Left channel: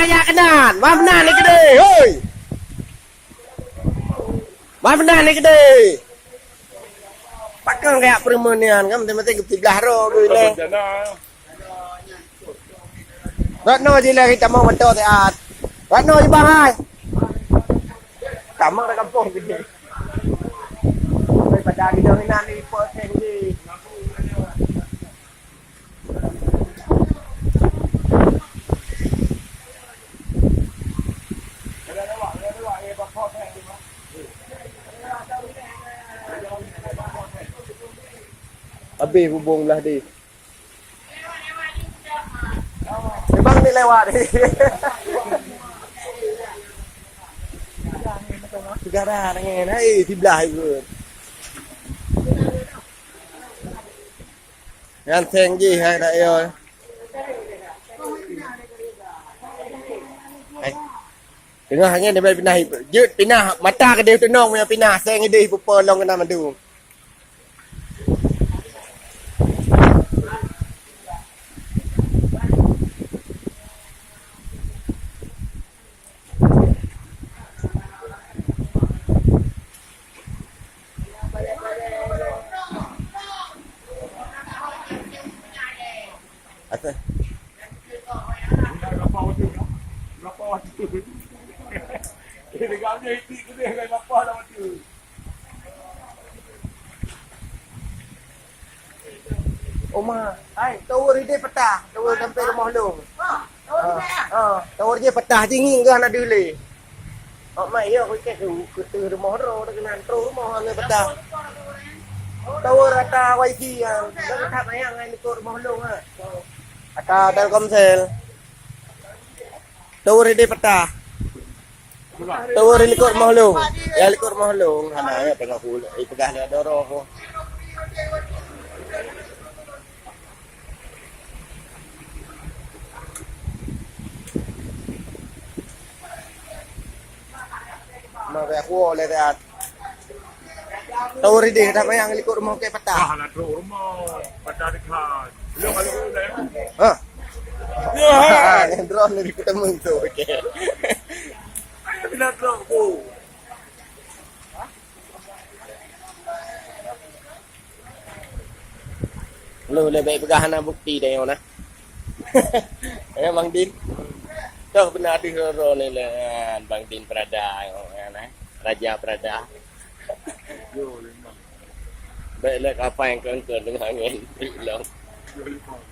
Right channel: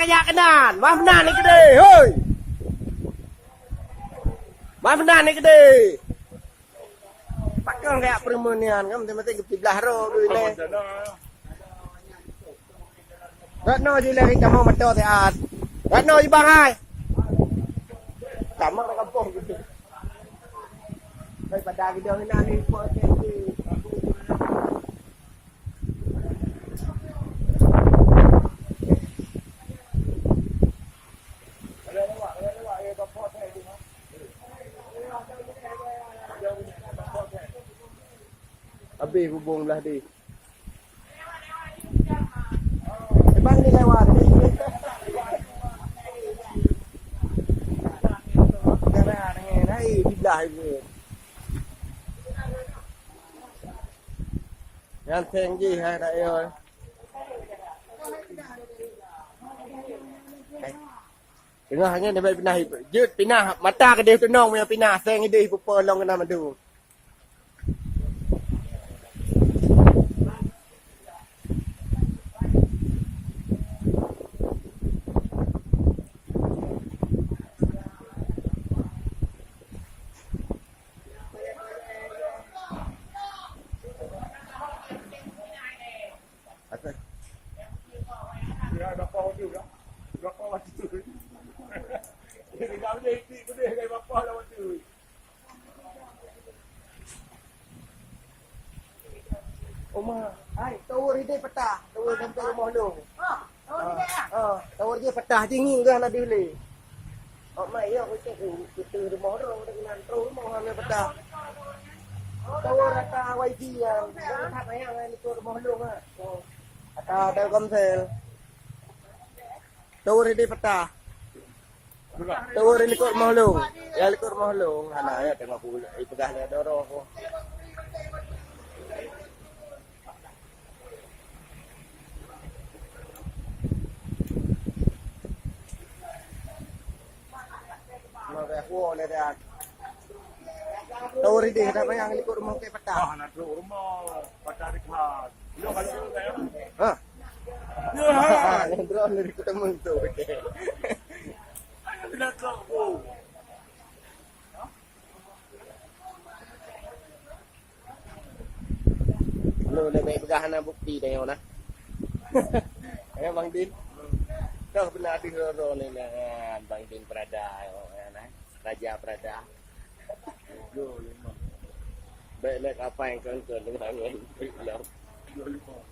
kayak kenan. Mana ni gede, hoi. Mana ni gede. Pakai kayak permonian kan mesti ke belah ro dulu. Ratno je lah kita mau betul taat. Ratno je bang ai. Tamak dah kampung gede. Daripada kita hinan ni persen je. Habis hubung belah dia. Bang ni lewat ni. Garah dengan hai di belah itu. Yang tinggi hai dak yo. Hai. Tengah hanya dia pindah. Jut pindah mata ke dia tenong punya pindah seng dia pupa long kena madu. Apa? Berapa waktu? Berapa waktu? Dia gambar itu dia dengan bapa lah waktu. Oma, hai, tawar dia petah, tawar sampai rumah long. Tawar dia petah tinggi ke anak dulu. Mai yo ke tu rumah ro dengan rumah ame petah. Tawar rata wifi yang tak bayang ngai ikut rumah long ah. Ata Telkomsel. Tawar dia petah. Tawar ikut rumah long. Ya ikut rumah long, ana ya tengah pula. Pegah dia doro ko. Mau aku oleh dia. Tawar dia tak bayang ikut rumah ke petah. Nak rumah petah dekat. Lu kalau dah. Ha. Ya, yang drone ni ketemu tu okey. Ayo nak aku. Lu lebih pegah na bukti dah yo na. Bang Din. Dah benar di hero ni lah Bang Din Prada na. Raja Prada. Yo lemah. Baiklah apa yang kau dengan angin. Belum. Yo lemah.